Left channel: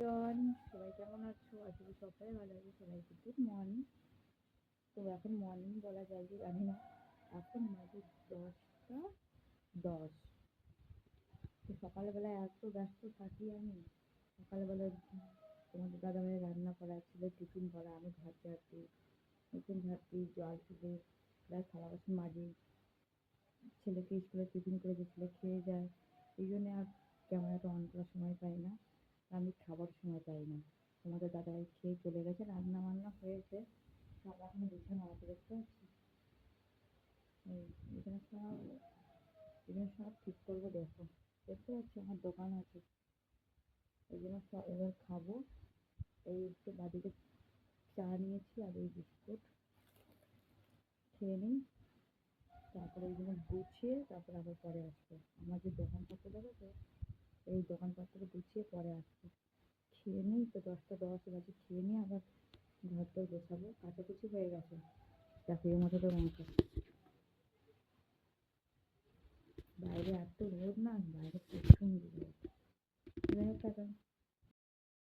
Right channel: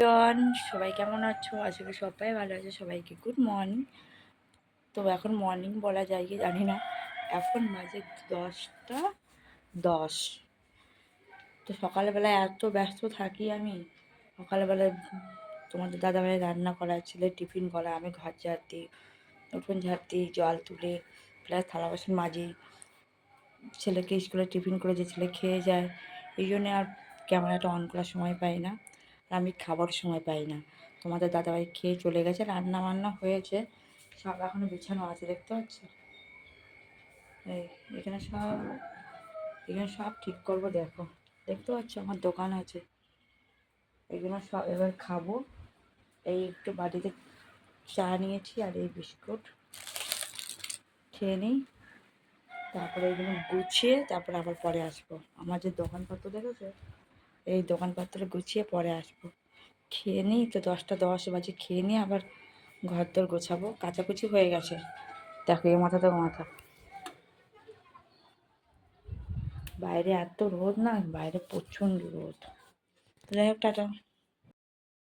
জন সবাই কেমন আছো? আশা করি সবাই ভালো আছে। সবাইকে গুড মর্নিং। তো এখন মর্নিং বলা যায় কি জানি না, এখন বাজে 10টা 10। তো সকালবেলায় এত ব্যস্ত থাকি আমি। সকালবেলায় তোমাদের দাদাভাই রান্না করা, ছেলে টিফিন করা, আমি ঘর ঝাড় দিই, উঠোন ঝাড় দিই, জল তুলে প্লাস থালা বাসন মাজি, ছেলেকে স্কুলে টিফিন করে যে ছেলে খেয়ে যায়। এই জন্যে আর ক্যামেরাটা অন করার সময় পাই না, আর আমি খাবার সময় পাই না। তোমাদের দাদাভাই খেয়ে চলে গেছে, রান্না বান্না হয়েছে, সব এখনও বিছানো আছে, দেখতে পাচ্ছি। এই এখানে সব ঠিক করবো, দেখো দেখতে পাচ্ছ আমার দোকান আছে, এগুলো সব এবার খাবো। এই একটু বাড়িতে চা নিয়েছি আর এই বিস্কুট খেয়ে নিই, তারপরে এগুলো গুছিয়ে তারপরে আবার পরে আসবো। আমার যে দোকানপত্র দেখেছো, এই দোকানপত্র গুছিয়ে পরে আসবো। খেয়ে নিই, তো 10টা 10 বাজে, খেয়ে নিয়ে আবার ঘর দর গোছাবো। কাচাকুচি হয়ে গেছে, দেখো এ মাথা তো মাথা। বাইরে এত রোদ না, বাইরে প্রচণ্ড রোদ। যাই হোক, টাটা।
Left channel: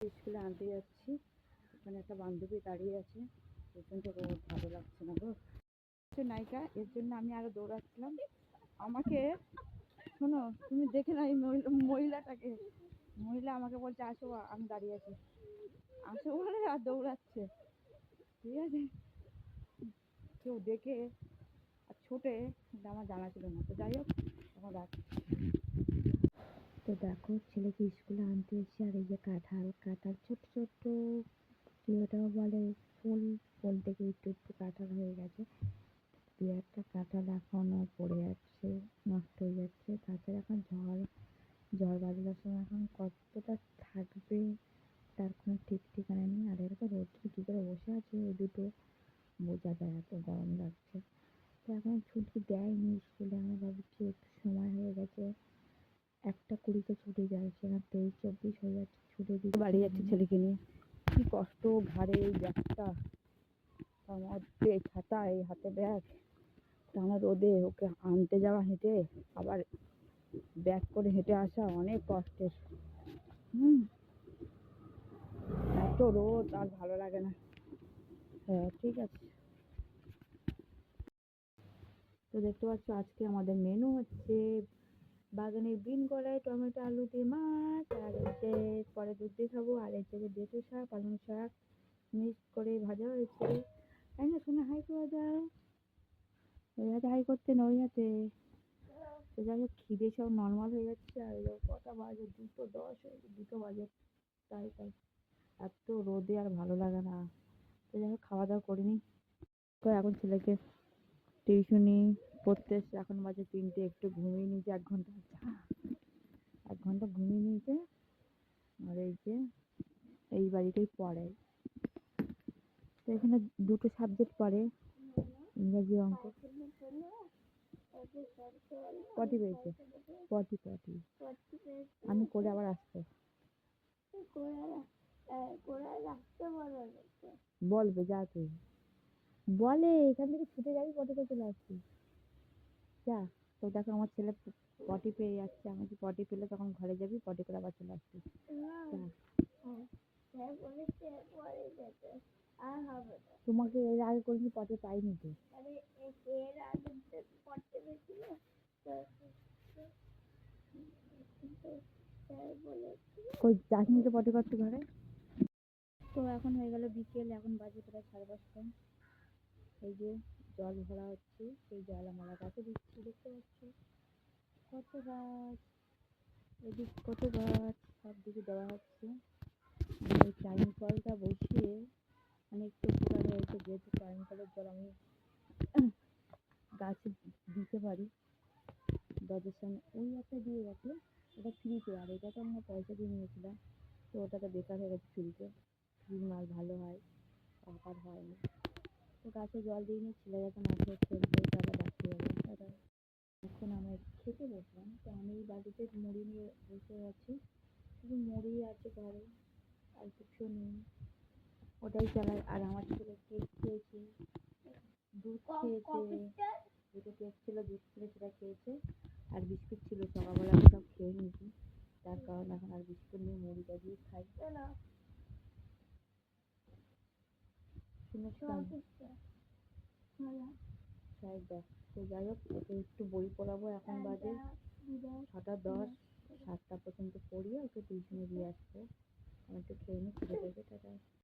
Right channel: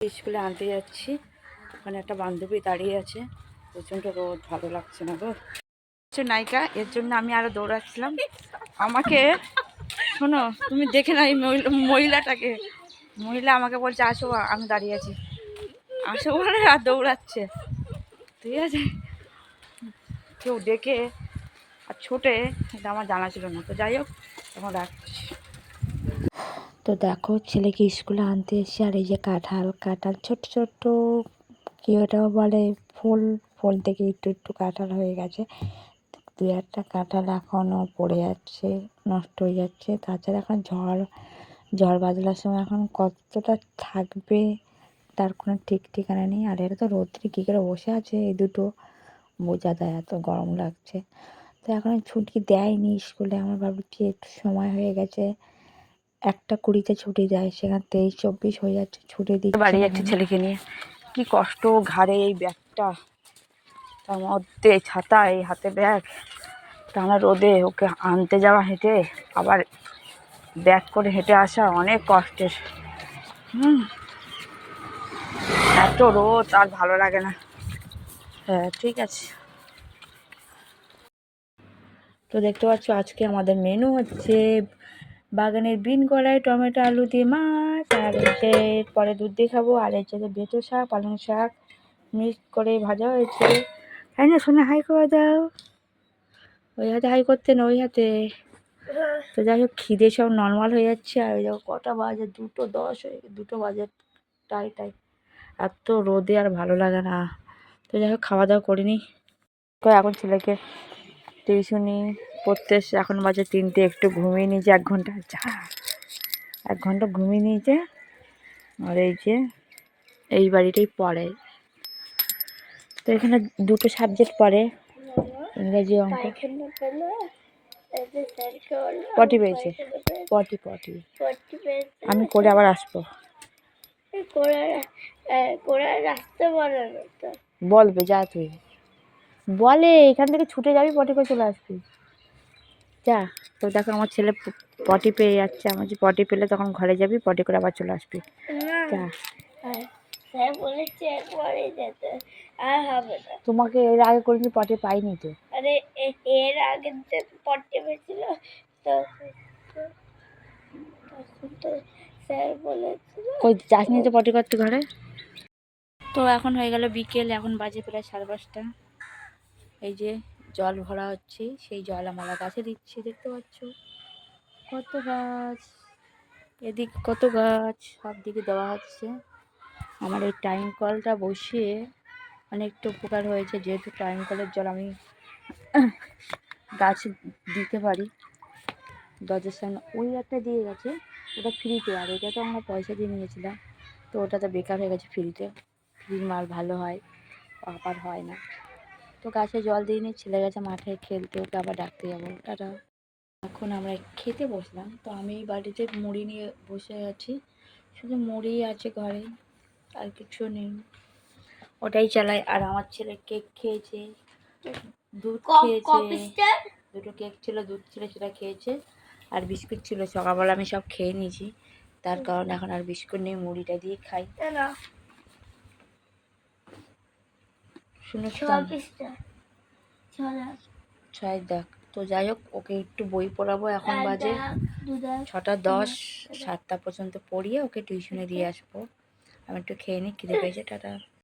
স্কুলে আনতে যাচ্ছি, ওখানে একটা বান্ধবী দাঁড়িয়ে আছে, প্রচণ্ড রোদ, ভালো লাগছে না গো। নায়িকা, এর জন্য আমি আরও দৌড়াচ্ছিলাম। আমাকে শোনো, তুমি দেখে না এই মহিলাটাকে, মহিলা আমাকে বলছে আসো, আমি দাঁড়িয়ে আছি, আসো বলে আর দৌড়াচ্ছে। ঠিক আছে, কেউ ডেকে আর ছোটে, এটা আমার জানা ছিল না। তো যাই হোক, এখন রাখছি। তো দেখো, ছেলেকে স্কুলে আনতে এসে, আর এই যে কাঁঠাল কাঁঠাল ছোট্ট ছোট্ট, কি ওটাও বলে ফুল, ফুল থেকে একটু একটু কাঁঠাল হয়ে গেছে। দু একটা কাঁঠাল এখনও পড়ে যাচ্ছে, নষ্ট হয়ে যাচ্ছে। তাছাড়া এখন ঝড় বাদলার সময় এখন কতটা থাকবে তার কোনো ঠিক ঠিকানা নেই। আর এটা তো রোদ্রে কী করে বসে আছে, এই দুটো বোঝা যায়, এত গরম লাগছে। তো এখন ছুটি দেয়নি স্কুলে, আমার ভাবছি একটু সময় হয়ে গেছে, 1টা 20-তে ছুটি দেয়, সেখানে 23-24 হয়ে যাচ্ছে, ছুটি দিচ্ছে বাড়ি যাচ্ছে ছেলেকে নিয়ে। কি কষ্ট, ঘাড়ে এই ব্যাগটা, তার মধ্যে ছাতা, এই হাতে ব্যাগ, টানা রোদে ওকে আনতে যাওয়া, হেঁটে আবার ব্যাগ করে হেঁটে আসা অনেক কষ্টের। এত রোদ আর ভালো লাগে না। হ্যাঁ ঠিক আছে। তো দেখতে পাচ্ছ, আজকে আমাদের মেনু হচ্ছে বাগানের বিন কড়াই টমেটো আলু দিয়ে মাছ, আর হচ্ছে পরে দুধ দিয়ে খাবো, আর হচ্ছে বেঁচো শাক, পালং শাক মিক্স করে ভাজা হয়েছে। তাই না শোনা, হাই করে দাও। ওই হাতে হাই করতে না, ওই হাতে। তো যাই হোক, খিদে সব নর্মাল হয়ে যাচ্ছে। আর ওই কটা বাজে, 2:10 হয়ে গেছে, 2 বাজে, টাই এত রোদে আর ভালো লাগে না। তো যাই হোক, খাওয়া দাওয়া করিনি। তো এখন ছেলেকে টিউশনি পড়তে এসে, এখন বাজে 3টে, একটু ঘুমিয়ে নিয়েছে 1 ঘন্টা, 1 ঘন্টা ঘুমিয়ে নিয়েছে। আর এই যে এই বাড়িটাই পড়ে, তো এখানে 2টো সাবজেক্ট পড়ে, ইংরেজি অঙ্ক। পটি পেয়েছে, পটি পটি আমি করে আবার আসবো। বলবে যা, তুই বলে এখান থেকে ছুটে যাবি, পটি করে চলে আসবি, যা। তো দেখো, আমার ছেলে পটি পেয়ে যাচ্ছে, আমার যে পটি পেলে তখন ঘরে যাবি, পটি করে আবার চলে আসবি, যা। তোমাকে এর আগে কোনদিন পটি পাইনি তো। আরে এর আগে যে পটি পেয়েছিল, তো স্যার বলেছিল কই যাসনি তো পটি করতে ঘরে। তো এখন হয়ে গেল বিকেল, এখন বাজে প্রায় 5:30। এই যে জল ভরা হচ্ছে, সেই জল আমরা গাছে দিচ্ছি, দেখতে পাচ্ছ কত গাছ, এদিক কত গাছ, সব দিকে দেওয়া হচ্ছে। আমার এই টাইম কলটা বসিয়ে অনেকটা উপকার হয়েছে, যেহেতু টাইম কলের জল আমি গাছে দিতে পারি। দরজার সামনে ওই একটা দিয়ে গেছে, ওটা ফ্রিতে, আর এটা তো আমরা পয়সা দিয়ে নিয়েছিলাম, তো ওটা তো বেকার হয়ে গেছে। ফ্রির মাল ভালো হয়, আবার হয় না। তো গাছে জল দিয়ে নিয়ে ছেলে গেছে মাঠে খেলতে, ওকে আবার ডাকতে যাবো, টাটা। এখন আমরা খেতে বসলাম, তো আমি বাড়িতে মুড়ি নিয়ে বসে আছি, শুধু মুড়ি আছে ঘরে, আর কিছু নেই, ওটাই চালাই। আর আমার ছেলে কেক খেয়েছে, দুধ খেয়েছে, 2টো কেক ছিল, দুধ ছিল, সেটা খেয়েছে, আর বিস্কুট ছিল, সকালবেলা আমি সব খেয়ে নিয়েছি। তার কারণ এখন আর বিস্কুট নেই, মুড়িটা দিয়ে খাই। শুনে ছয় দেখ। তো যাই হোক, ওকে একটু বই পড়াবো, এখন বাজে 6:10, 7টা পর্যন্ত পড়িয়ে ওকে টিউশনে দিয়ে আসবো। আমি একটু খেয়ে নিই, খিদে পেয়েছে। টাটা।